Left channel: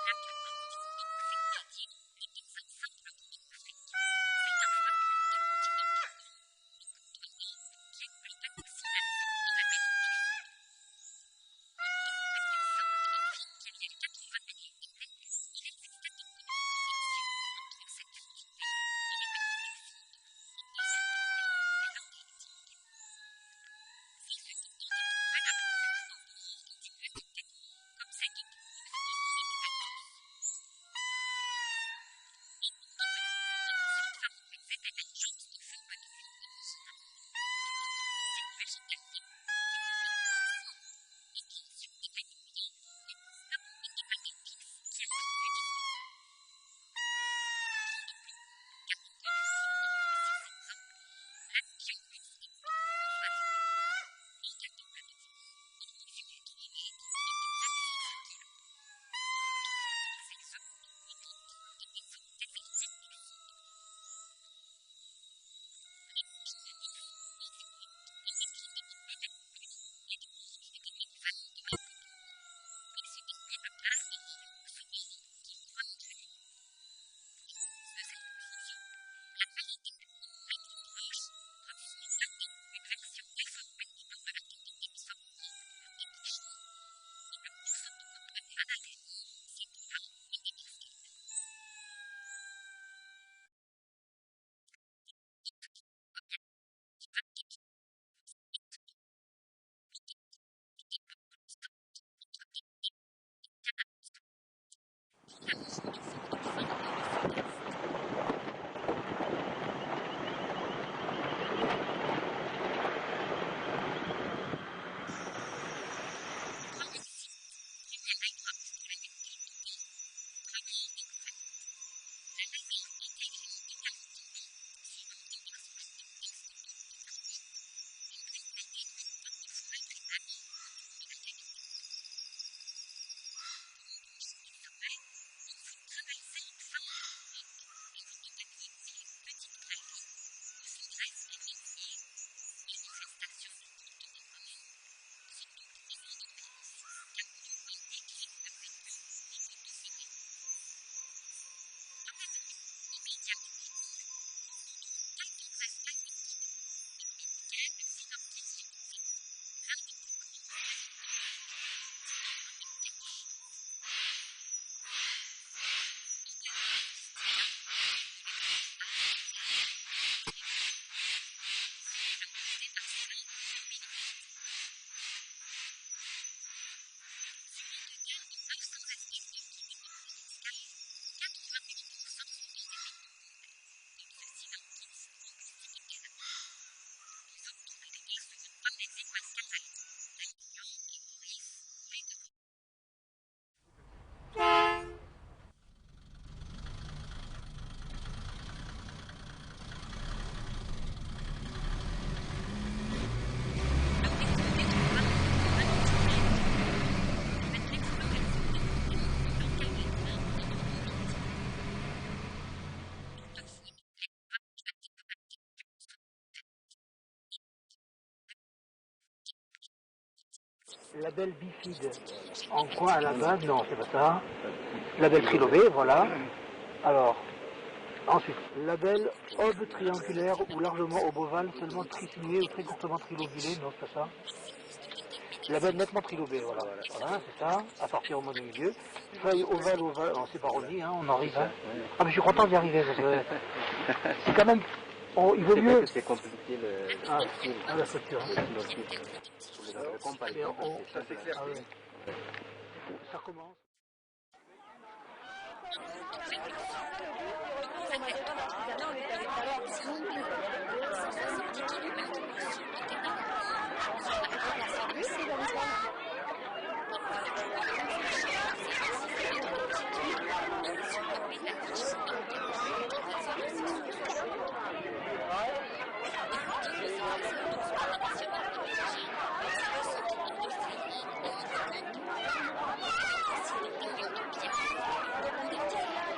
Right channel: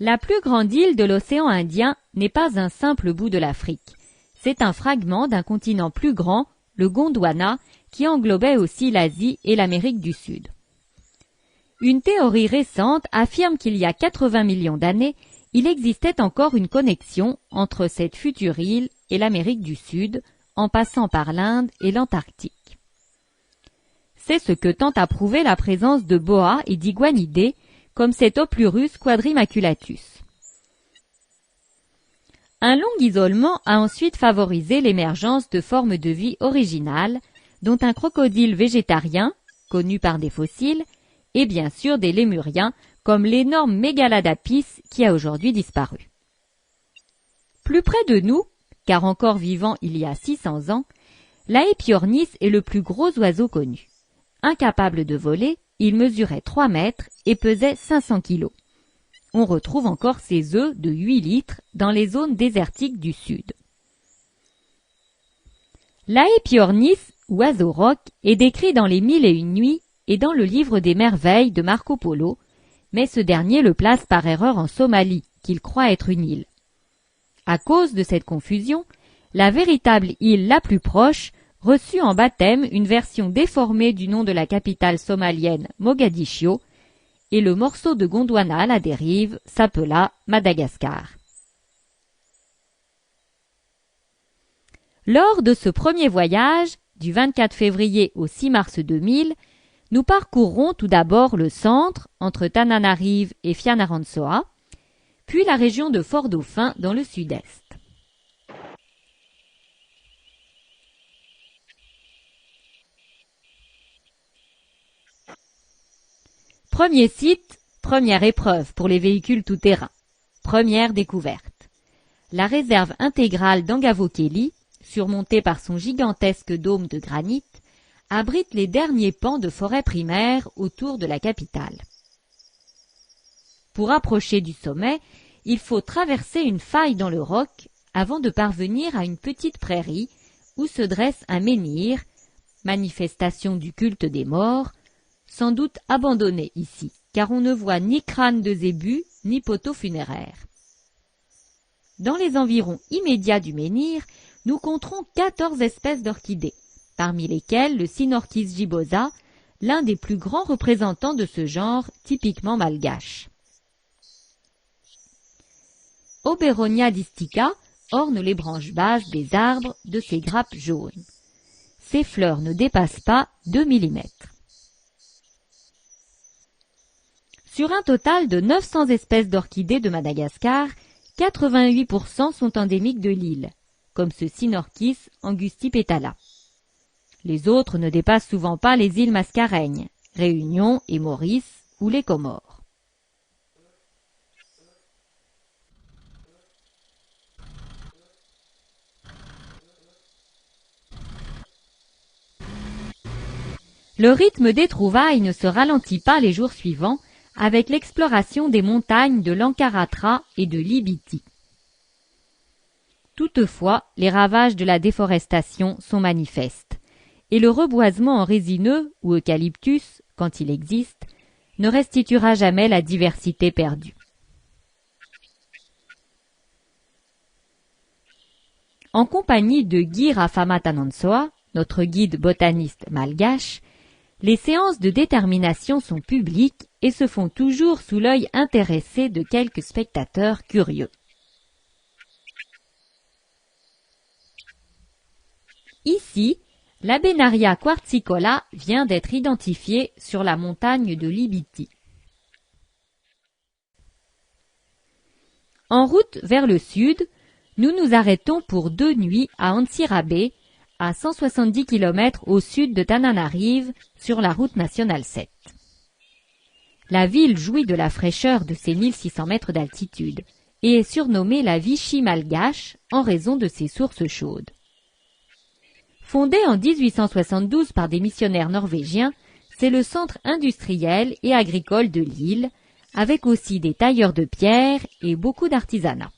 La plus grande île de l'océan Indien n'est pas un simple bout de l'Afrique. C'est un fragment d'un continent plus grand, le Gondwana, qui englobait aussi l'Asie et l'Amérique du Sud. Une théorie récente affirme qu'il y a 80 millions d'années, il existait encore une connexion entre cette future île et l'Amérique du Sud, en passant par l'Inde et l'Antarctique. C'est ce que tente à prouver la présence de boas et d'iguanidés, comme cet Oplurus quadrimaculatus. Un long isolement a ensuite favorisé l'émergence de formes de vie originales, dont un crocodile végétarien, connu par des fossiles, et bien sûr des lémuriens, comme l'énorme Mégaladapis qui a aujourd'hui disparu. Plus près de nous, car encore vivant il y a 600 ans, l'Aepyornis est le plus gros oiseau connu. Incapable de voler, il mesurait 3 mètres et pesait 500 kilos. On retrouve encore ses œufs de 8 litres dans les zones désertiques du sud. L'Aepyornis, oiseau roc, est décrit dans les 1001 nuits et dans le livre des merveilles de Marco Polo, mais ce dernier le place par erreur en Somalie, qu'il croit être une île. À cause de cette confusion, la véritable île la plus proche reçut en baptême une version déformée du nom de la capitale somalienne Mogadiscio, et le morceau de Gondwana à la dérive s'appela Madagascar. Lors de ce premier voyage, du 24 février au 6 mars 2000, nous parcourrons tout d'abord le centre, entre Tananarive et Fianarantsoa, puis la région de Fort-Dauphin dans le sud-est. Premier site, première épreuve pour les véhicules tout-terrain. Première découverte. La réserve intégrale d'Angavokeli, surmontée par son gigantesque dôme de granit, abrite les derniers pans de forêt primaire autour de la capitale. Pour approcher du sommet, il faut traverser une faille dans le roc avant de parvenir à une petite prairie où se dresse un menhir, manifestation du culte des morts, sans doute abandonné ici, car on ne voit ni crâne de zébu, ni poteau funéraire. Dans les environs immédiats du menhir, nous compterons 14 espèces d'orchidées, parmi lesquelles le Sinorchis gibosa, l'un des plus grands représentants de ce genre typiquement malgache. Oberonia distica orne les branches basses des arbres de ses grappes jaunes. Ses fleurs ne dépassent pas 2 mm. Sur un total de 900 espèces d'orchidées de Madagascar, 88% sont endémiques de l'île, comme ce Sinorchis angustipetala. Les autres ne dépassent souvent pas les îles Mascareignes, Réunion et Maurice ou les Comores. Le rythme des trouvailles ne se ralentit pas les jours suivants avec l'exploration des montagnes de l'Ankaratra et de l'Ibiti. Toutefois, les ravages de la déforestation sont manifestes et le reboisement en résineux ou eucalyptus, quand il existe, ne restituera jamais la diversité perdue. En compagnie de Guy Rafamatanonsoa, notre guide botaniste malgache, les séances de détermination sont publiques et se font toujours sous l'œil intéressé de quelques spectateurs curieux. Ici, l'Abenaria quartzicola vient d'être identifiée sur la montagne de l'Ibiti. En route vers le sud, nous nous arrêtons pour 2 nuits à Antsirabe, à 170 km au sud de Tananarive, sur la route nationale 7. La ville jouit de la fraîcheur de ses 1600 mètres d'altitude et est surnommée la Vichy malgache en raison de ses sources chaudes. Fondée en 1872 par des missionnaires norvégiens, c'est le centre industriel et agricole de l'île, avec aussi des tailleurs de pierre et beaucoup d'artisanat.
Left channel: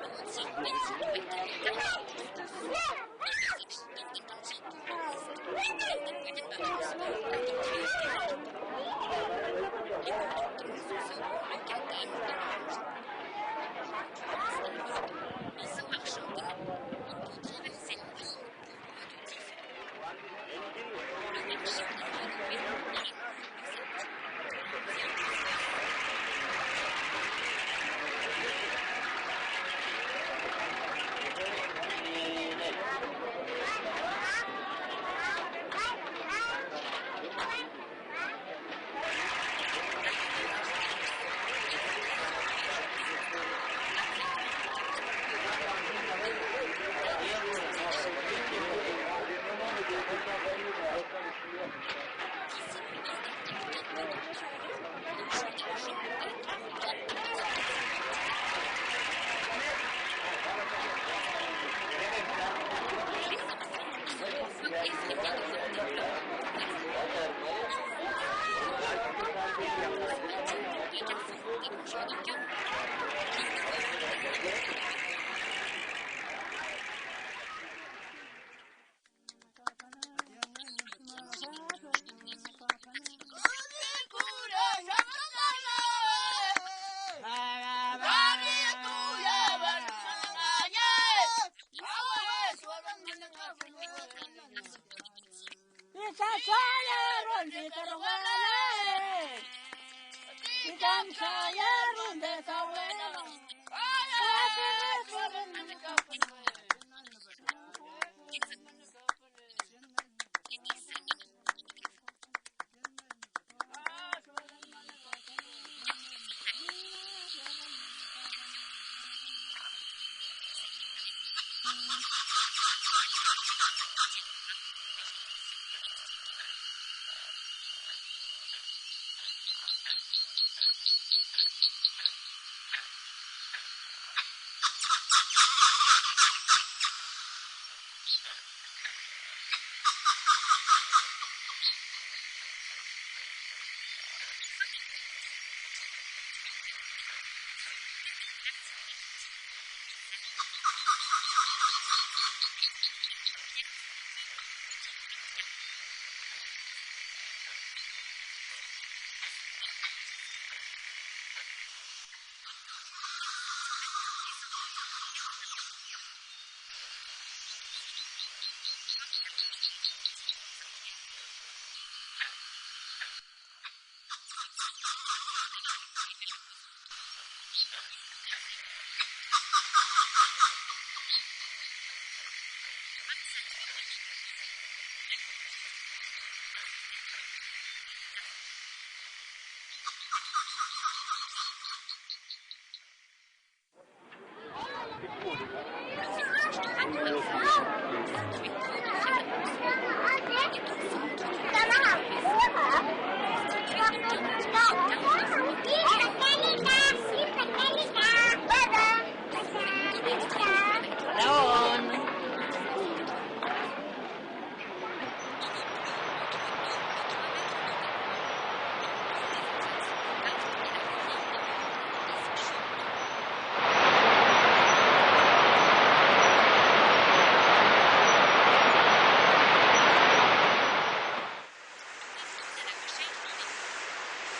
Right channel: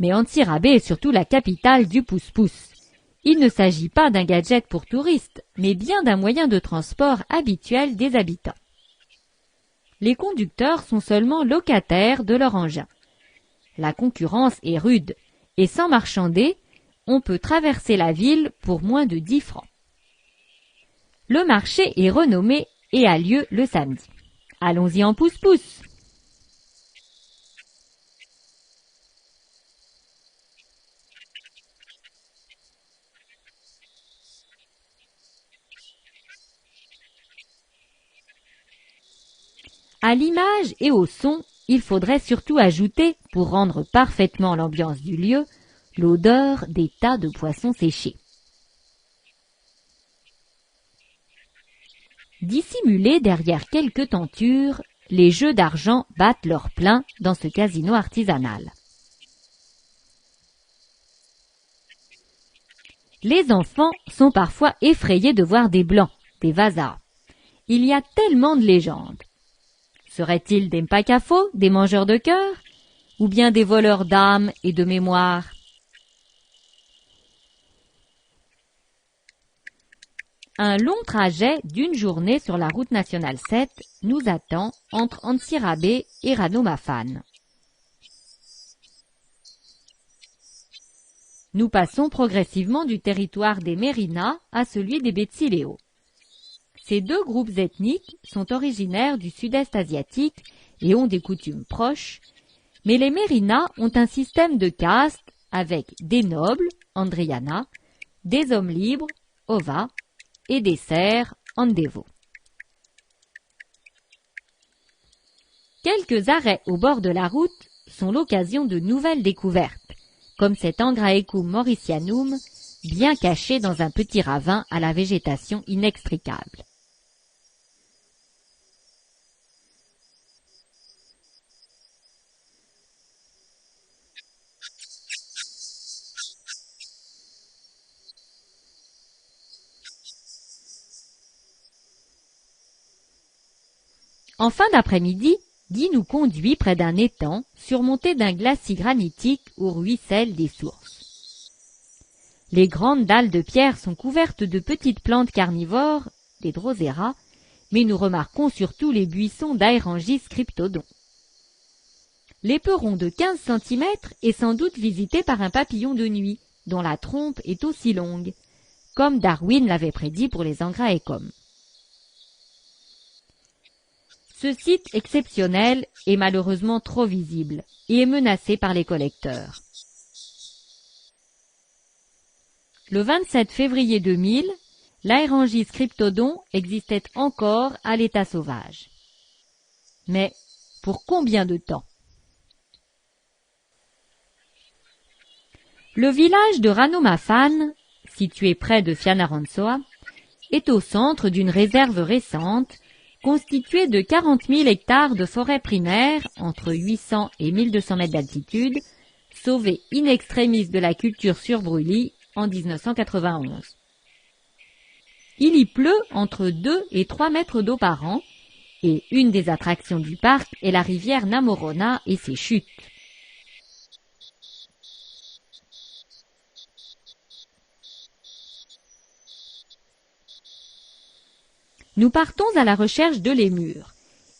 Mais Antsirabe est surtout la capitale du pousse-pousse. Il ne s'agit pas d'un gadget pour touristes, mais bien d'un moyen de transport habituel des habitants. les conducteurs sont seulement locataires de leur engin. La concurrence est rude et sans marchander, on peut traverser la ville pour moins de 10 francs. Le marché est renommé et a lieu le samedi. Allons-y en pouce-pouce. À l'image et au son, il faudrait surtout ajouter, pour rendre parfaitement l'ambiance du lieu, l'odeur des tas de poissons séchés. Dissimulés derrière quelques tentures, les jeux d'argent battent leur plein dans ce casino artisanal. Les enfants sont parfois effrayés de voir des blancs, des vasards. Il y a tellement de légendes. Seraient-ils des mpakafos, des mangeurs de cœur, ou bien des voleurs d'âmes et de mémoire? Un long trajet d'une journée sur la route nationale 7 nous attend entre Antsirabe et Ranomafan. Nous passons progressivement du territoire des Mérinas à celui des Betsileo. Ces deux groupes ethniques sont originaires du sud-est asiatique et ont des coutumes proches, mais les Mérinas ont un système de castes avec des nobles, Andriana, des hommes libres, Ova, et des serfs, Andevo. Quelques arrêts au bord de la route sont l'occasion de nouvelles découvertes, comme cet Angraecum mauritianum, bien caché dans un petit ravin à la végétation inextricable. En fin d'après-midi, Guy nous conduit près d'un étang surmonté d'un glacis granitique où ruissellent des sources. Les grandes dalles de pierre sont couvertes de petites plantes carnivores, des drosera, mais nous remarquons surtout les buissons d'Aerangis cryptodon. L'éperon de 15 cm est sans doute visité par un papillon de nuit, dont la trompe est aussi longue, comme Darwin l'avait prédit pour les Angraecums. Ce site exceptionnel est malheureusement trop visible et est menacé par les collecteurs. Le 27 février 2000, l'Aerangis cryptodon existait encore à l'état sauvage. Mais pour combien de temps? Le village de Ranomafan, situé près de Fianarantsoa, est au centre d'une réserve récente constituée de 40 000 hectares de forêt primaire entre 800 et 1200 mètres d'altitude, sauvés in extremis de la culture surbrûlie en 1991. Il y pleut entre 2 et 3 mètres d'eau par an et une des attractions du parc est la rivière Namorona et ses chutes. Nous partons à la recherche de lémures.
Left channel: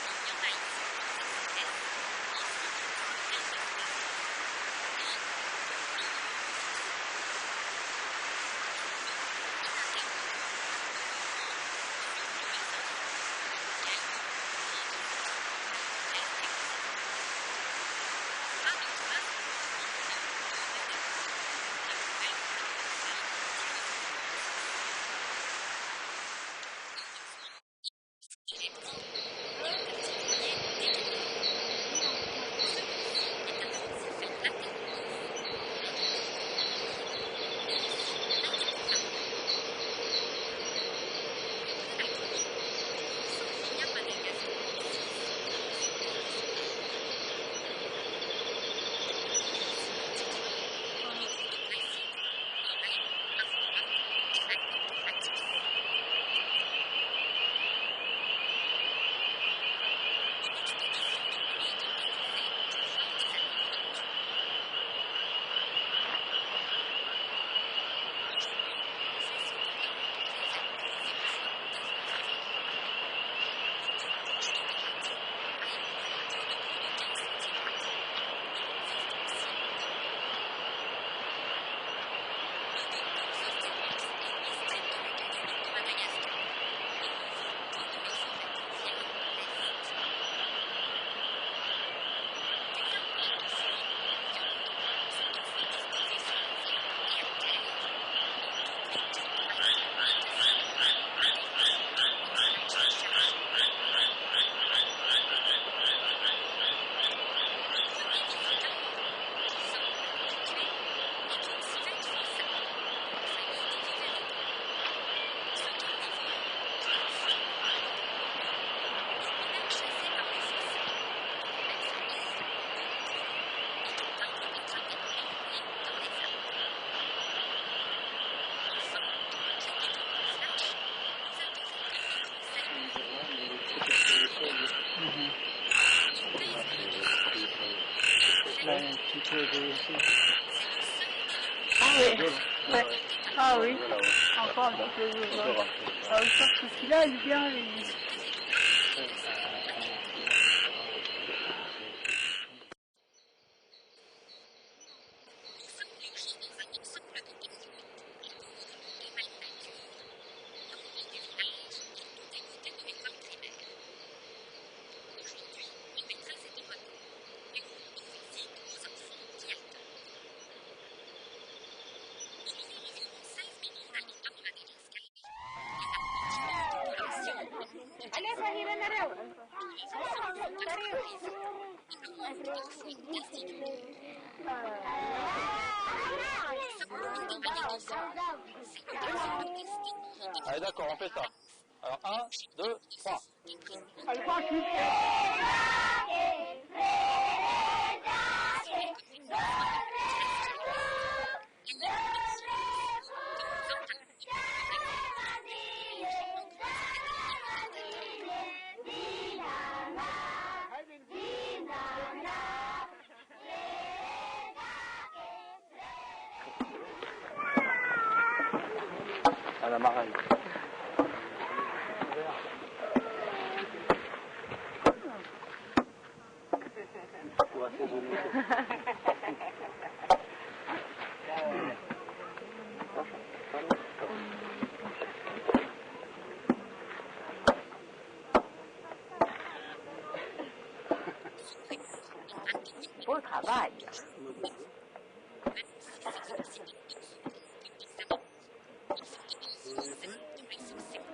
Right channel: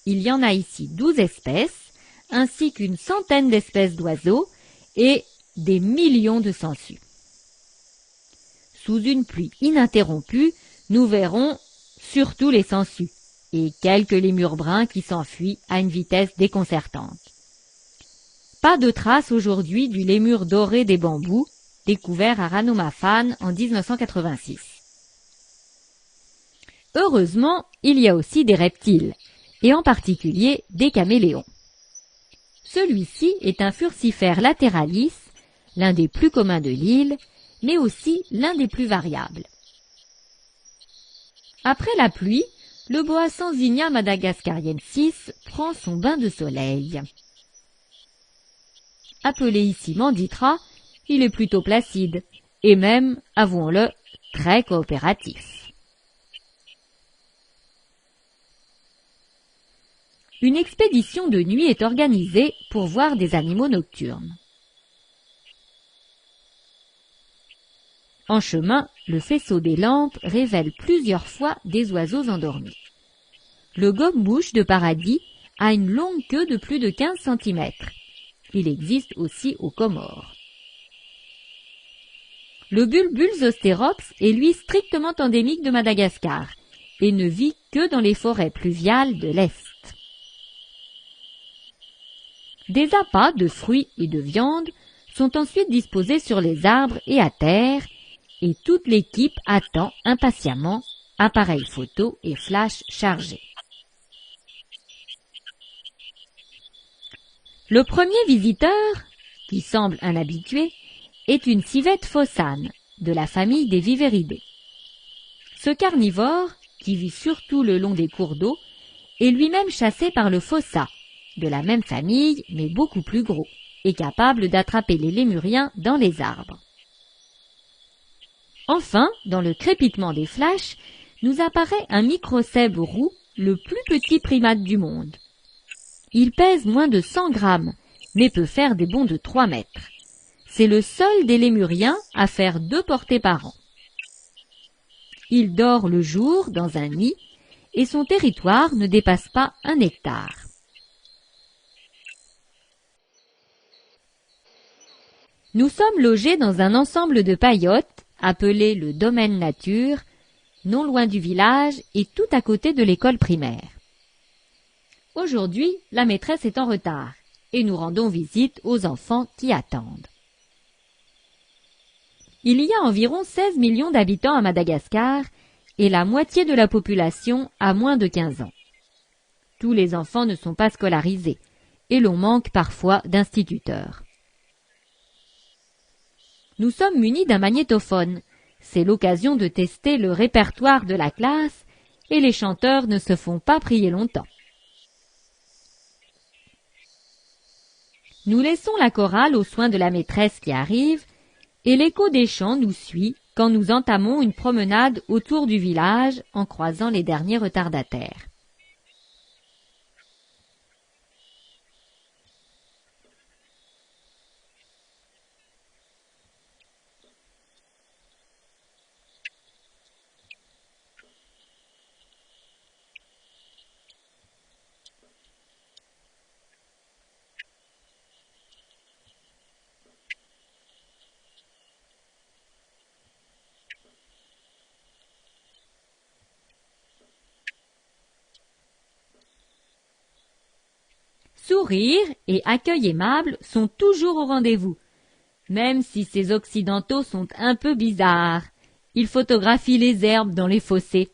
Il y en a ici 12 espèces, ainsi qu'une centaine d'espèces d'oiseaux et des millions de sangsues. Sous une pluie ininterrompue, nous verrons surtout les sangsues et quelques lémures bruns qui s'enfuient à une vitesse déconcertante. Pas de trace aujourd'hui du lémur doré des bambous, découvert à Ranomafan en 1986. Heureusement, il y a aussi des reptiles, et en particulier des caméléons. Celui-ci est un furcifère lateralis, l'un des plus communs de l'île, mais aussi l'un des plus variables. Après la pluie, le boa Sanzinia madagascariensis prend son bain de soleil. Appelé ici manditra, il est plutôt placide, et même, avouons-le, très coopératif. Une expédition de nuit est organisée pour voir des animaux nocturnes. En chemin, le faisceau des lampes révèle plusieurs fois des oiseaux endormis. Le gobe-mouche de paradis a une longue queue de plus de 15 cm. Il existe aussi aux Comores. Le bulbul zostérops est lui strictement endémique de Madagascar et ne vit que dans les forêts pluviales de l'Est. Des appâts de fruits et de viande sont ensuite disposés sur les arbres et à terre, et toute l'équipe attend impatiemment appareil photo et flash chargés. Le premier visiteur, qui semble un habitué, est une civette fossane de la famille des Viveridae. Ce carnivore, qui vit surtout le long des cours d'eau, est lui-même chassé par le fossa, de la même famille mais beaucoup plus gros, et capable d'attraper les lémuriens dans les arbres. Enfin, dans le crépitement des flashs, nous apparaît un microcèbe roux, le plus petit primate du monde. Il pèse moins de 100 grammes, mais peut faire des bonds de 3 mètres. C'est le seul des lémuriens à faire 2 portées par an. Il dort le jour dans un nid et son territoire ne dépasse pas 1 hectare. Nous sommes logés dans un ensemble de paillotes appelé le domaine nature, non loin du village et tout à côté de l'école primaire. Aujourd'hui, la maîtresse est en retard et nous rendons visite aux enfants qui attendent. Il y a environ 16 millions d'habitants à Madagascar et la moitié de la population a moins de 15 ans. Tous les enfants ne sont pas scolarisés et l'on manque parfois d'instituteurs. Nous sommes munis d'un magnétophone. C'est l'occasion de tester le répertoire de la classe et les chanteurs ne se font pas prier longtemps. Nous laissons la chorale aux soins de la maîtresse qui arrive et l'écho des chants nous suit quand nous entamons une promenade autour du village en croisant les derniers retardataires. Sourire et accueil aimable sont toujours au rendez-vous. Même si ces Occidentaux sont un peu bizarres, ils photographient les herbes dans les fossés.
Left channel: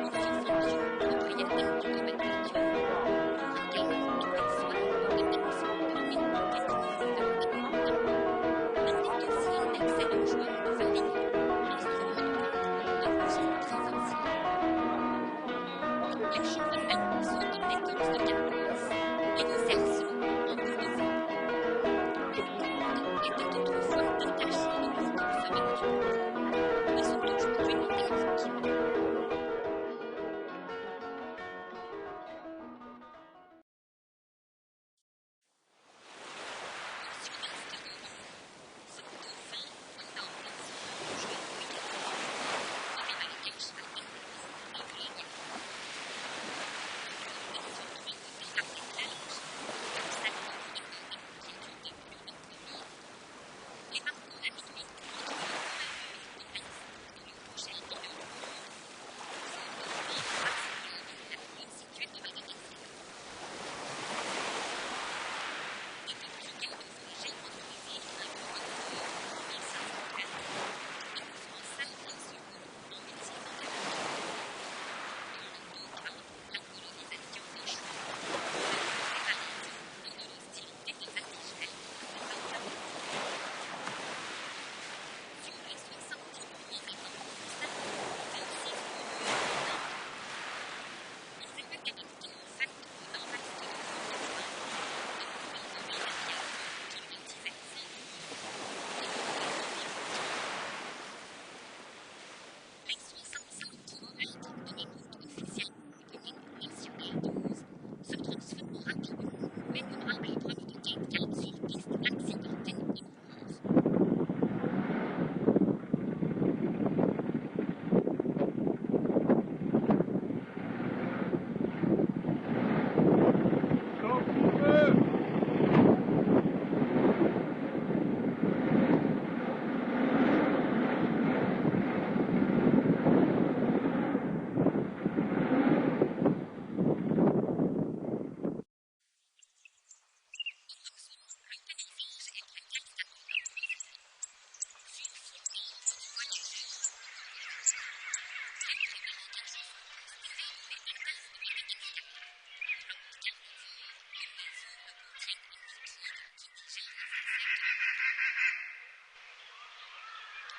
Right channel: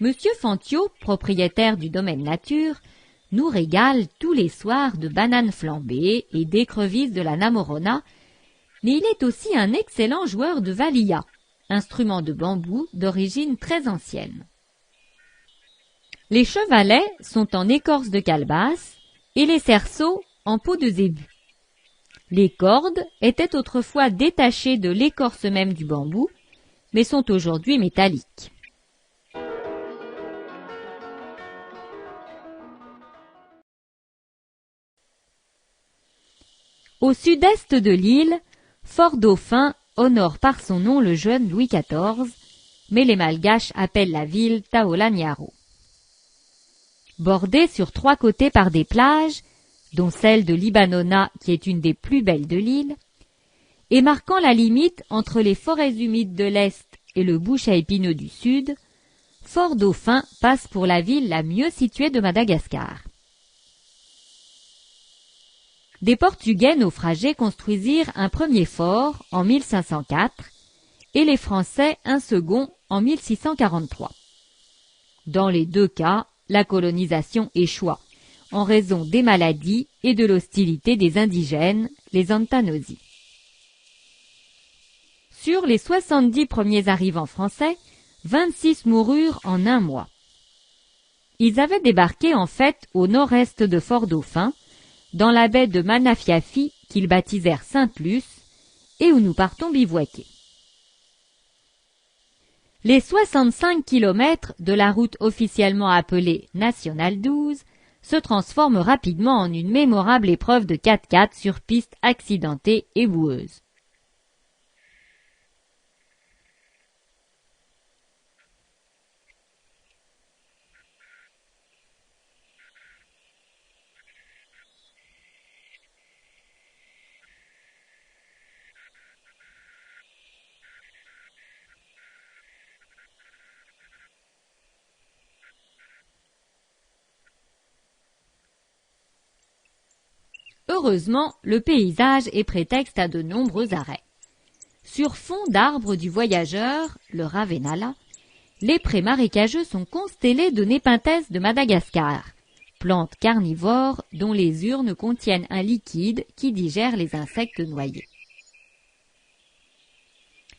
Monsieur Fantio, propriétaire du domaine nature, nous régale tous les soirs de bananes flambées et d'écrevisses de la Namorona, mais il est aussi un excellent joueur de valia, instrument de bambou d'origine très ancienne. Les chevalets sont en écorce de calebasse et les cerceaux en peau de zébu. Les cordes étaient autrefois détachées de l'écorce même du bambou, mais sont aujourd'hui métalliques. Au sud-est de l'île, Fort Dauphin honore par son nom le jeune Louis XIV, mais les Malgaches appellent la ville Taolaniaro. Bordée sur 3 côtés par des plages, dont celle de Libanona qui est une des plus belles de l'île, et marquant la limite entre les forêts humides de l'Est et le bush à épineux du Sud, Fort Dauphin passe pour la ville la mieux située de Madagascar. Des Portugais naufragés construisirent un premier fort en 1504 et les Français un second en 1643. Dans les 2 cas, la colonisation échoua, en raison des maladies et de l'hostilité des indigènes, les Antanosi. Sur les 70 premiers arrivants français, 26 moururent en 1 mois. Ils avaient débarqué en fait au nord-est de Fort Dauphin, dans la baie de Manafiafi qu'ils baptisèrent Sainte-Luce et où nous partons bivouaquer. Les 65 km de la route officiellement appelée Nationale 12 se transforment rapidement en une mémorable épreuve de 4x4 sur piste accidentée et boueuse. Heureusement, le paysage est prétexte à de nombreux arrêts. Sur fond d'arbres du voyageur, le Ravenala, les prés marécageux sont constellés de Nepenthes de Madagascar, plante carnivore dont les urnes contiennent un liquide qui digère les insectes noyés.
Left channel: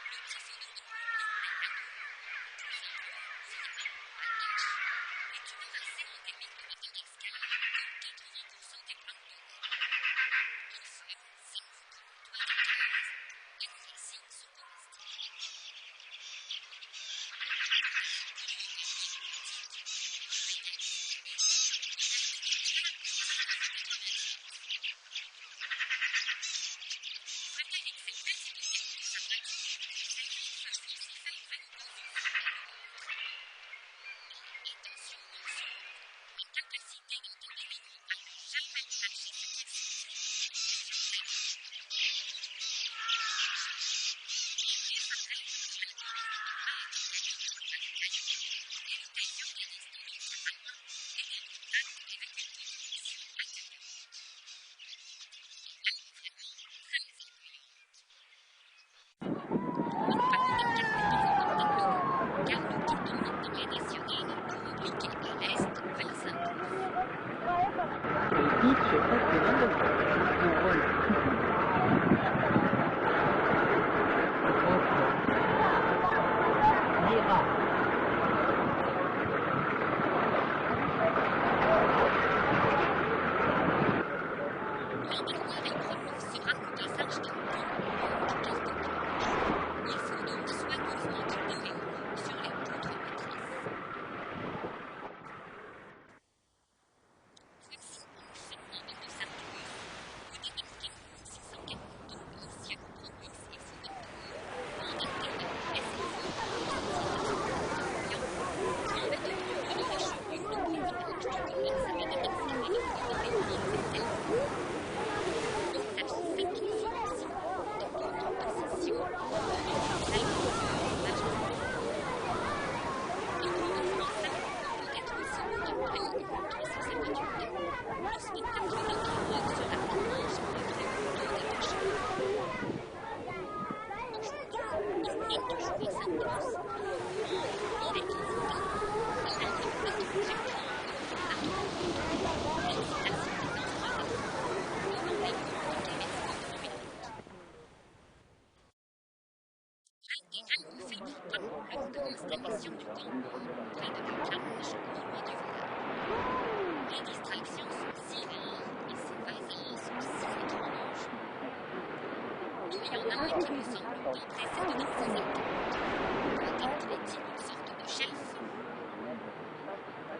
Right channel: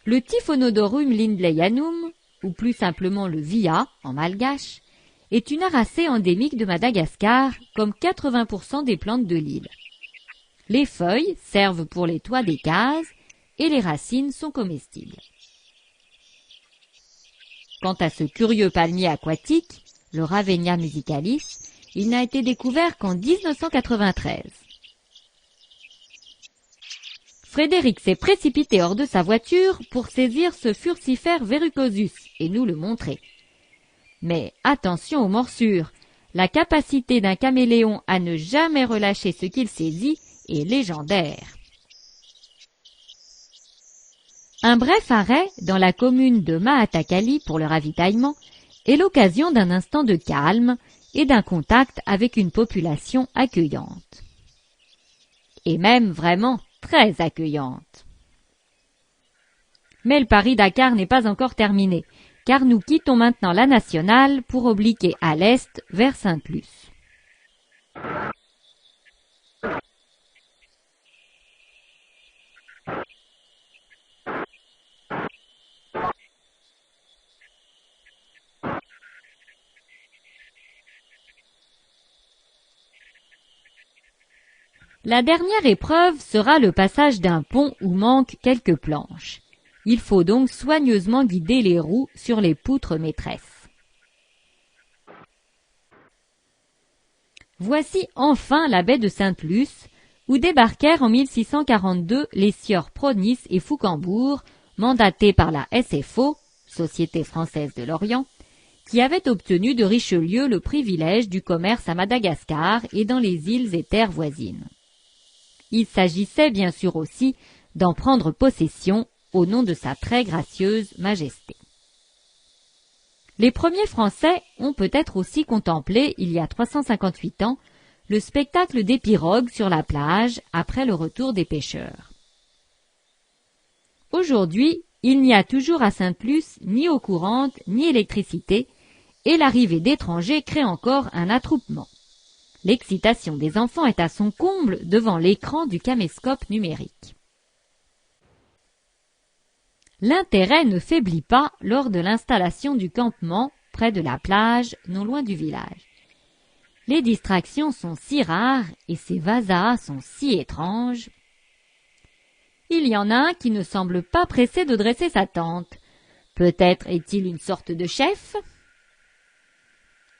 Le Typhonodorum lindleyanum, ou plus simplement le via en malgache, est une aracée endémique de Madagascar, comme 80% des plantes de l'île. Les feuilles servent pour les toits des cases et les racines sont comestibles. Quant à ce curieux palmier aquatique, le Ravenia musicalis, il n'a été découvert qu'en 1993. Frédéric s'est précipité hors de sa voiture pour saisir ce furcifère verrucosus et nous le montrer. Mais attention aux morsures, la capacité d'un caméléon à ne jamais relâcher ce qu'il saisit est légendaire. Un bref arrêt dans la commune de Mahatakali pour le ravitaillement est l'occasion d'un instant de calme et d'un contact avec une population accueillante. Et même vraiment très accueillante. Mais le Paris-Dakar n'est pas encore terminé, car nous quittons maintenant la nationale pour obliquer à l'est vers Sainte-Luce. La dernière épreuve sera le passage d'un pont où manquent quelques planches. Il faut donc soigneusement guider les roues sur les poutres maîtresses. Voici enfin la baie de Sainte-Luce, où débarquèrent en 1642 les sieurs Pronis et Foucambourg, mandatés par la SFO, Société française de l'Orient, qui avait obtenu de Richelieu le privilège du commerce à Madagascar et dans les îles et terres voisines. Il s'agissait bien sûr aussi d'en prendre possession au nom de sa très gracieuse majesté. Les premiers Français ont peut-être aussi contemplé, il y a 358 ans, le spectacle des pirogues sur la plage après le retour des pêcheurs. Aujourd'hui, il n'y a toujours à Sainte-Luce ni eau courante ni électricité et l'arrivée d'étrangers crée encore un attroupement. L'excitation des enfants est à son comble devant l'écran du caméscope numérique. L'intérêt ne faiblit pas lors de l'installation du campement près de la plage, non loin du village. Les distractions sont si rares et ces vasas sont si étranges. Il y en a un qui ne semble pas pressé de dresser sa tente. Peut-être est-il une sorte de chef ?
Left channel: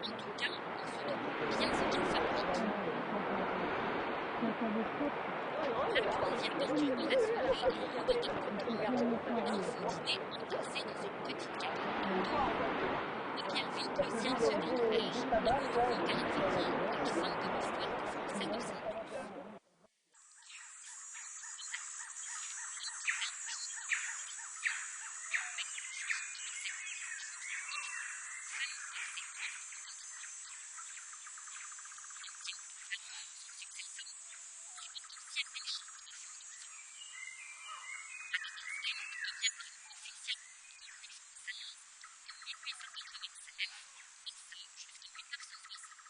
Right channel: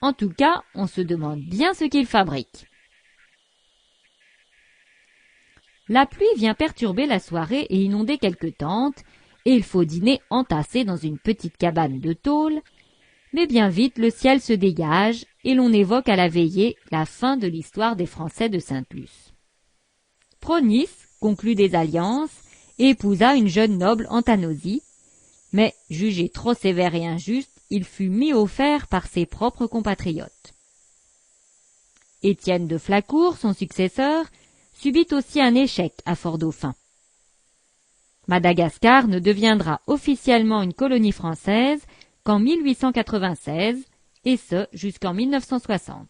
En tout cas, on se demande bien ce qu'il fabrique. La pluie vient perturber la soirée et inonder quelques tentes, et il faut dîner entassé dans une petite cabane de tôle, mais bien vite le ciel se dégage et l'on évoque à la veillée la fin de l'histoire des Français de Sainte-Luce. Pronis conclut des alliances et épousa une jeune noble Antanosie, mais jugé trop sévère et injuste, il fut mis au fer par ses propres compatriotes. Étienne de Flacourt, son successeur, subit aussi un échec à Fort-Dauphin. Madagascar ne deviendra officiellement une colonie française qu'en 1896, et ce jusqu'en 1960.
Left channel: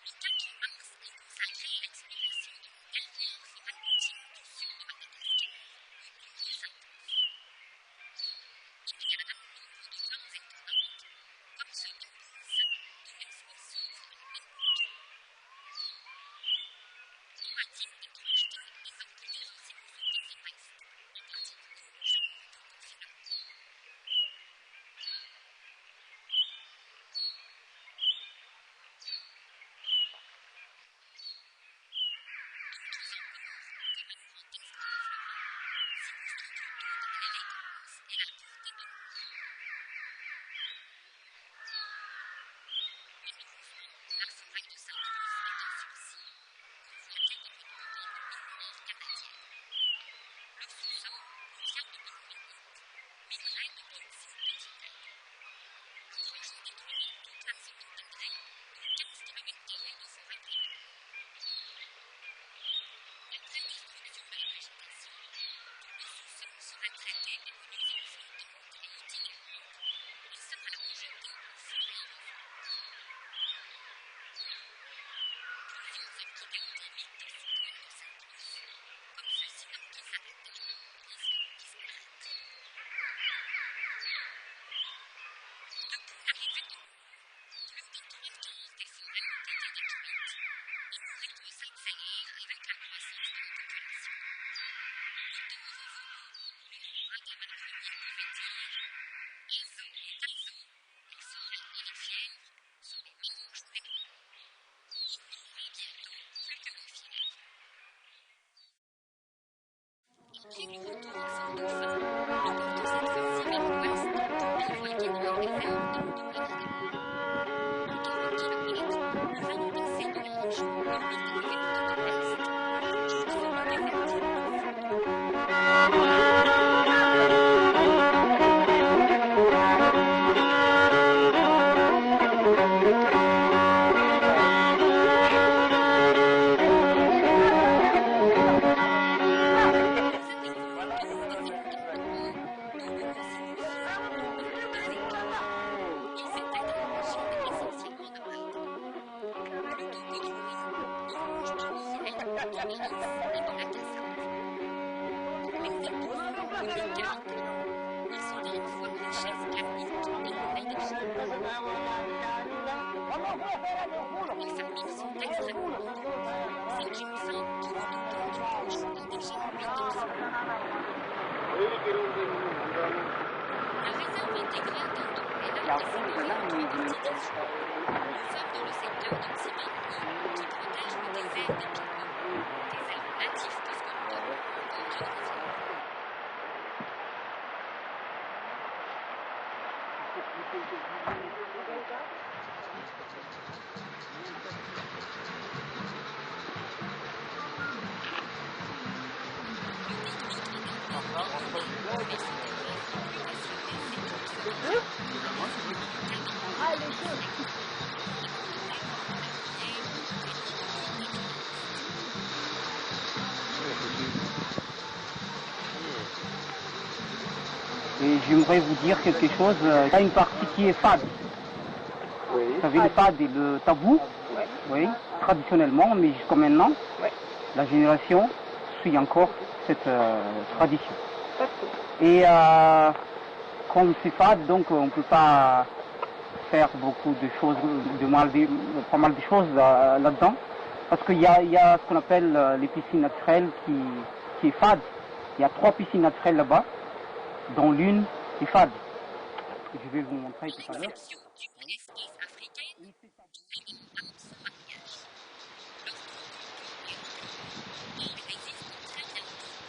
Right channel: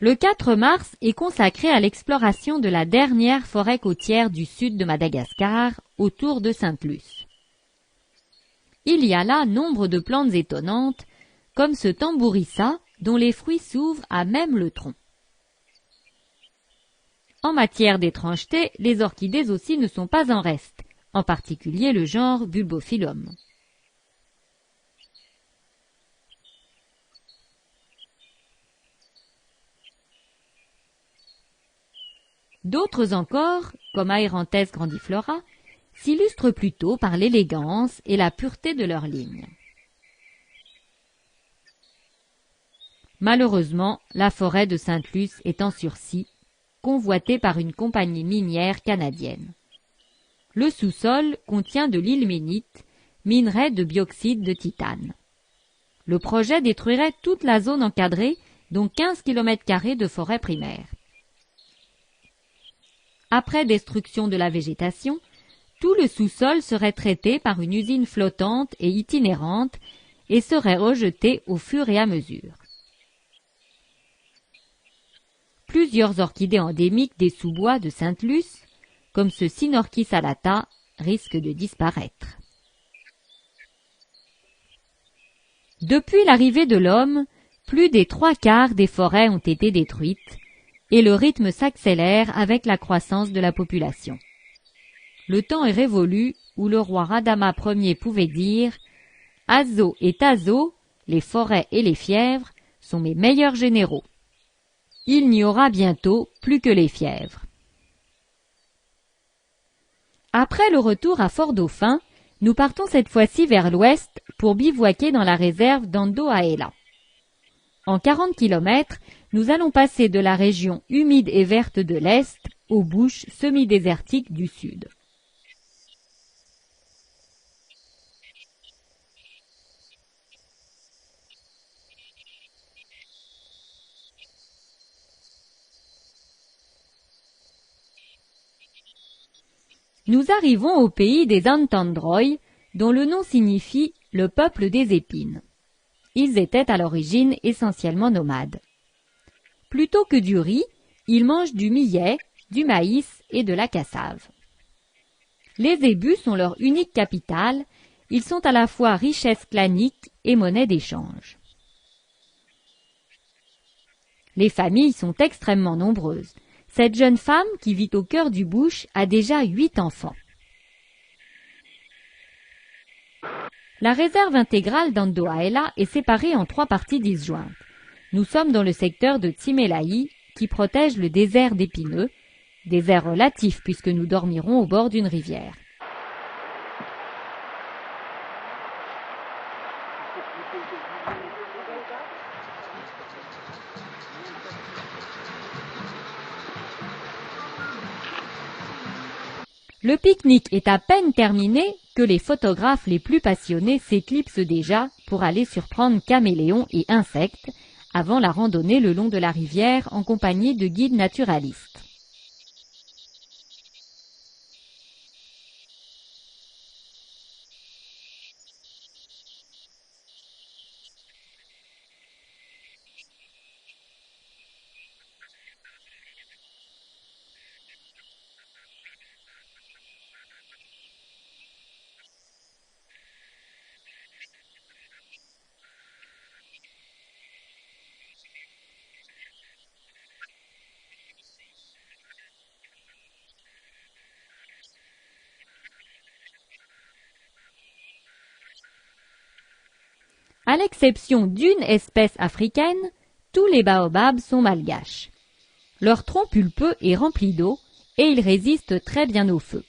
Le 4 mars est consacré à l'exploration de la dernière forêt côtière du sud de Madagascar, autour de Sainte-Luce. Il y a là nombre de plantes étonnantes, comme ce tambourissa, dont les fruits s'ouvrent à même le tronc. En matière d'étrangeté, les orchidées aussi ne sont pas en reste, en particulier le genre Bulbophyllum. D'autres encore, comme Aeranthès grandiflora, s'illustrent plutôt par l'élégance et la pureté de leurs lignes. Malheureusement, la forêt de Sainte-Luce est en sursis, convoitée par une compagnie minière canadienne. Le sous-sol contient de l'ilménite, minerai de bioxyde de titane. Le projet détruirait toute la zone encadrée, dont 15 km² de forêt primaire. Après destruction de la végétation, tout le sous-sol serait traité par une usine flottante et itinérante et serait rejeté au fur et à mesure. Plusieurs orchidées endémiques des sous-bois de Sainte-Luce, comme ce Sinorchis alata, risquent de disparaître. Depuis l'arrivée de l'homme, plus des 3/4 des forêts ont été détruites et le rythme s'accélère avec la croissance de la population. Le temps est révolu où le roi Radama Ier pouvait dire « Azo et Tazo, les forêts et les fièvres, sont mes meilleurs généraux. Il n'y aura bientôt plus que les fièvres. » Après le retour à Fort-Dauphin, nous partons cette fois-ci vers l'ouest pour bivouaquer dans la réserve d'Andohahela. En 40 km, nous allons passer de la région humide et verte de l'Est aux bouches semi-désertiques du Sud. Nous arrivons au pays des Antandroy, dont le nom signifie « le peuple des épines ». Ils étaient à l'origine essentiellement nomades. Plutôt que du riz, ils mangent du millet, du maïs et de la cassave. Les zébus sont leur unique capital, ils sont à la fois richesse clanique et monnaie d'échange. Les familles sont extrêmement nombreuses. Cette jeune femme, qui vit au cœur du bush, a déjà 8 enfants. La réserve intégrale d'Andohahela est séparée en 3 parties disjointes. Nous sommes dans le secteur de Tsimelahi, qui protège le désert d'Épineux, désert relatif puisque nous dormirons au bord d'une rivière. Le pique-nique est à peine terminé que les photographes les plus passionnés s'éclipsent déjà pour aller surprendre caméléons et insectes avant la randonnée le long de la rivière en compagnie de guides naturalistes. Et j'aimerais vous dire quelque chose. Il y a une partie qui est fade. Oui. Vous savez, le fade et le tabou, oui, traditionnellement, mais jusqu'à maintenant, la génération suit encore cette tradition. Et comme c'est fade, donc on ne peut pas faire beaucoup de choses, pas mal de choses là-dedans, parce qu'il y a ce qu'on appelle les piscines naturelles qui est fade. Il y a 3 piscines naturelles là-bas, dont l'une est fade. Je vais vous montrer. À l'exception d'une espèce africaine, tous les baobabs sont malgaches. Leur tronc pulpeux est rempli d'eau et ils résistent très bien au feu.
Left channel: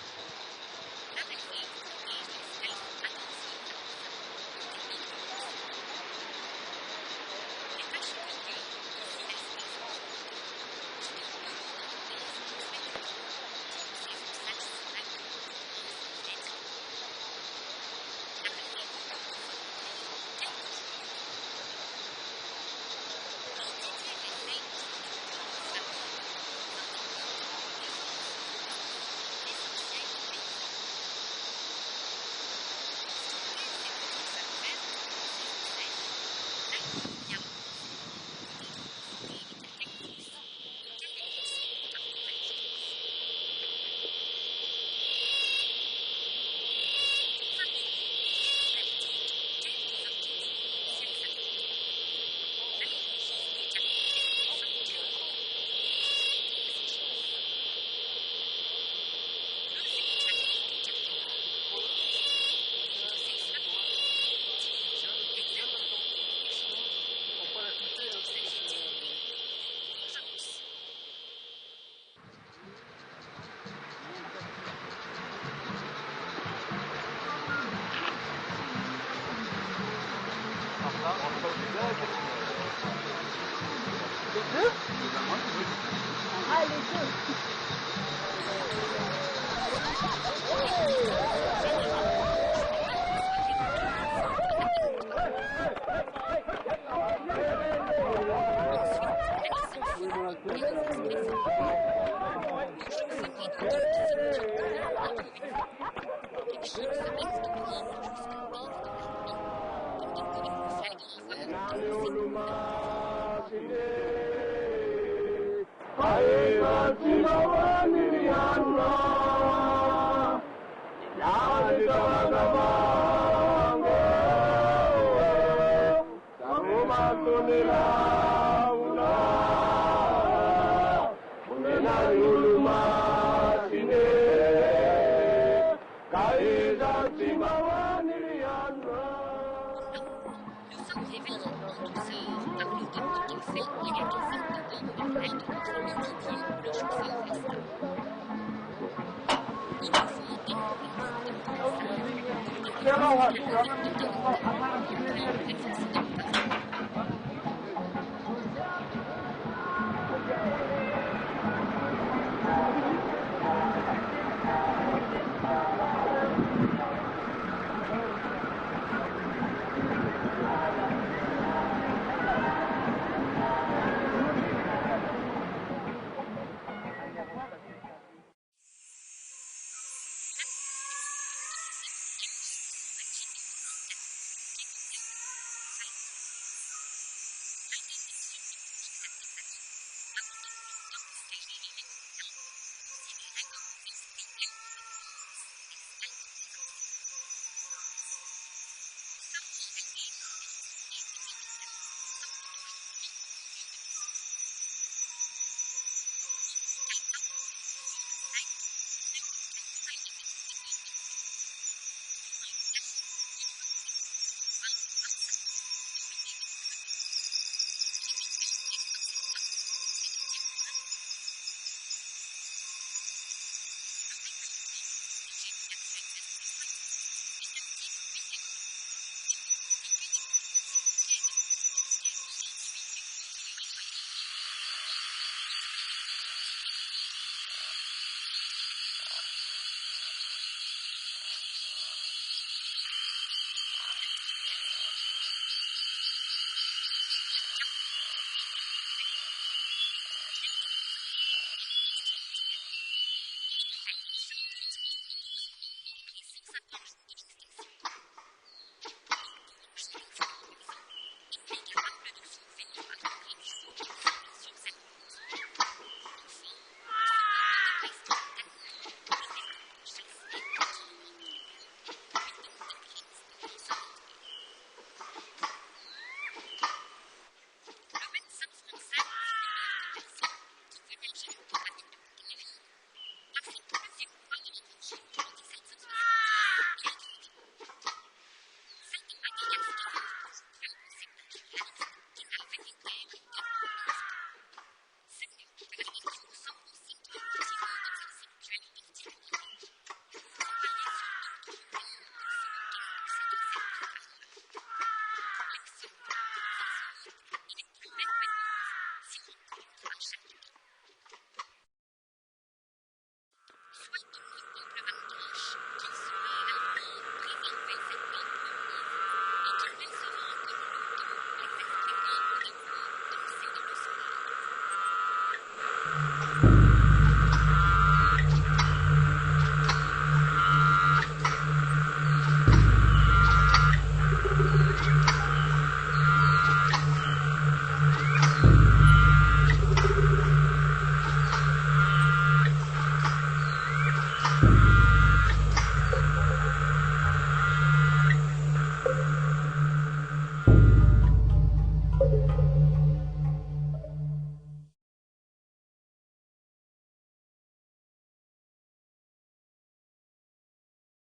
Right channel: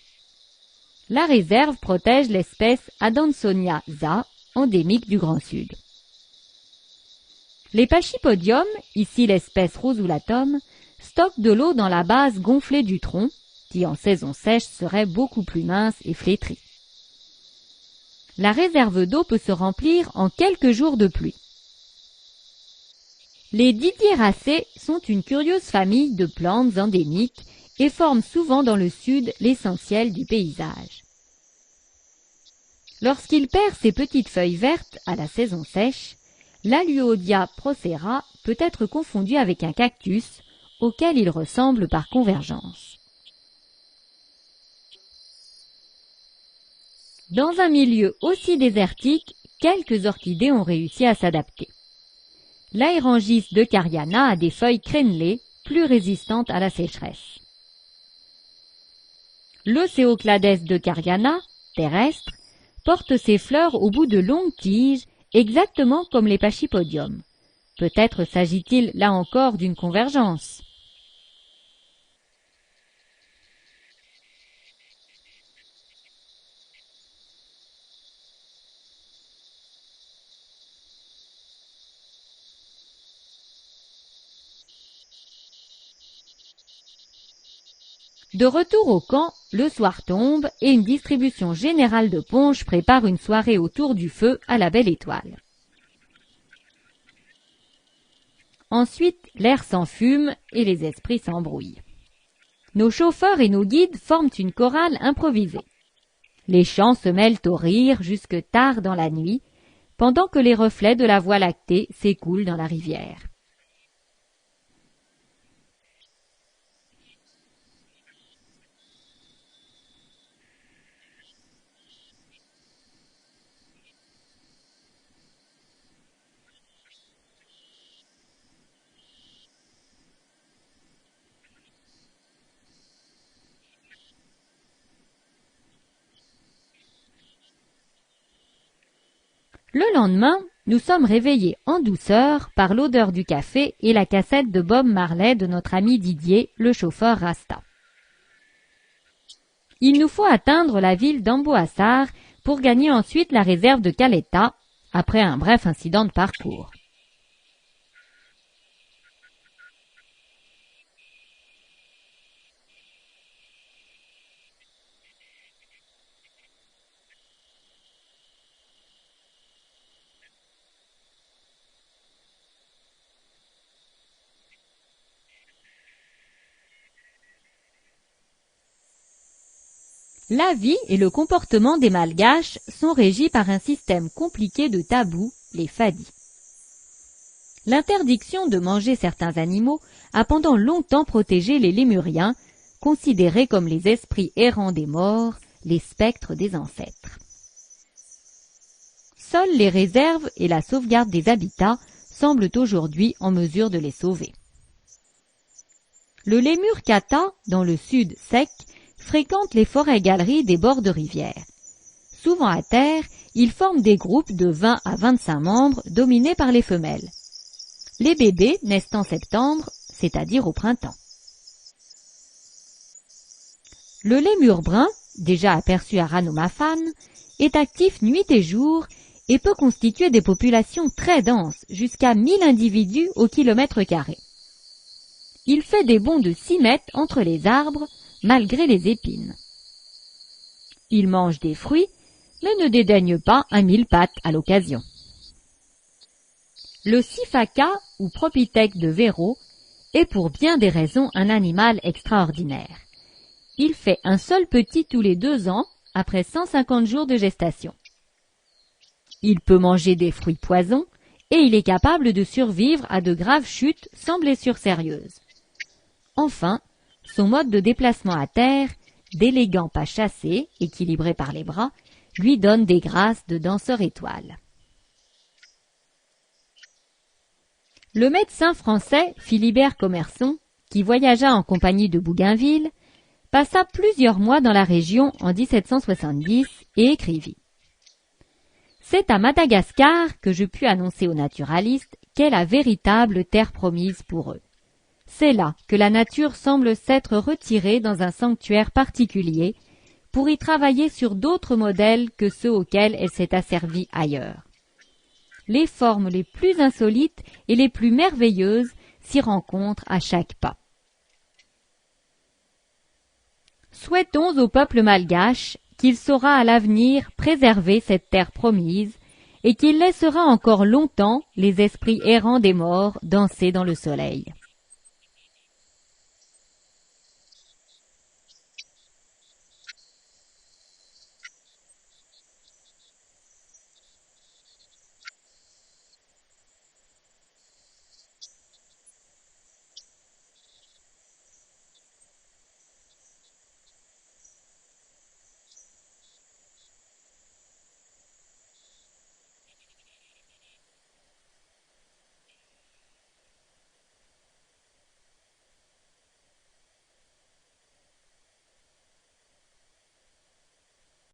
La réserve protège l'espèce Adansonia za, endémique du Grand Sud. Les pachypodiums, ici l'espèce Rosulatum, stockent de l'eau dans la base gonflée du tronc, qui en saison sèche serait beaucoup plus mince et flétrie. La réserve d'eau peut se remplir en quelques jours de pluie. Les Didieracées sont une curieuse famille de plantes endémiques et forment souvent dans le sud l'essentiel du paysage. Lorsqu'il perd ses petites feuilles vertes à la saison sèche, l'Aluodia procera peut être confondu avec un cactus, auquel il ressemble par convergence. Dans un milieu aussi désertique, quelques orchidées ont réussi à s'adapter. L'Aerangis de Cariana a des feuilles crénelées, plus résistantes à la sécheresse. L'Océoclades de Cariana, terrestre, porte ses fleurs au bout de longues tiges, exactement comme les pachypodiums. Peut-être s'agit-il là encore d'une convergence. De retour au camp, le soir tombe et une distribution générale de punch prépare une soirée autour du feu à la belle étoile. Ensuite, l'air s'enfume et les esprits s'embrouillent. Nos chauffeurs et nos guides forment une chorale improvisée. Les chants se mêlent aux rires jusque tard dans la nuit, pendant que les reflets de la Voie lactée s'écoulent dans la rivière. Le lendemain, nous sommes réveillés en douceur par l'odeur du café et la cassette de Bob Marley de notre ami Didier, le chauffeur Rasta. Il nous faut atteindre la ville d'Amboassar pour gagner ensuite la réserve de Caleta, après un bref incident de parcours. La vie et le comportement des Malgaches sont régis par un système compliqué de tabous, les fadis. L'interdiction de manger certains animaux a pendant longtemps protégé les lémuriens, considérés comme les esprits errants des morts, les spectres des ancêtres. Seules les réserves et la sauvegarde des habitats semblent aujourd'hui en mesure de les sauver. Le lémur kata, dans le sud sec, fréquente les forêts-galeries des bords de rivières. Souvent à terre, ils forment des groupes de 20 à 25 membres dominés par les femelles. Les bébés naissent en septembre, c'est-à-dire au printemps. Le lémur brun, déjà aperçu à Ranomafan, est actif nuit et jour et peut constituer des populations très denses, jusqu'à 1000 individus au kilomètre carré. Il fait des bonds de 6 mètres entre les arbres, malgré les épines. Il mange des fruits, mais ne dédaigne pas un mille-pattes à l'occasion. Le sifaka, ou propithèque de Véro, est pour bien des raisons un animal extraordinaire. Il fait un seul petit tous les 2 ans, après 150 jours de gestation. Il peut manger des fruits poisons, et il est capable de survivre à de graves chutes sans blessures sérieuses. Enfin, son mode de déplacement à terre, d'élégants pas chassés, équilibrés par les bras, lui donne des grâces de danseur étoile. Le médecin français Philibert Commerson, qui voyagea en compagnie de Bougainville, passa plusieurs mois dans la région en 1770 et écrivit « C'est à Madagascar que je pus annoncer aux naturalistes qu'est la véritable terre promise pour eux. C'est là que la nature semble s'être retirée dans un sanctuaire particulier pour y travailler sur d'autres modèles que ceux auxquels elle s'est asservie ailleurs. Les formes les plus insolites et les plus merveilleuses s'y rencontrent à chaque pas. Souhaitons au peuple malgache qu'il saura à l'avenir préserver cette terre promise et qu'il laissera encore longtemps les esprits errants des morts danser dans le soleil.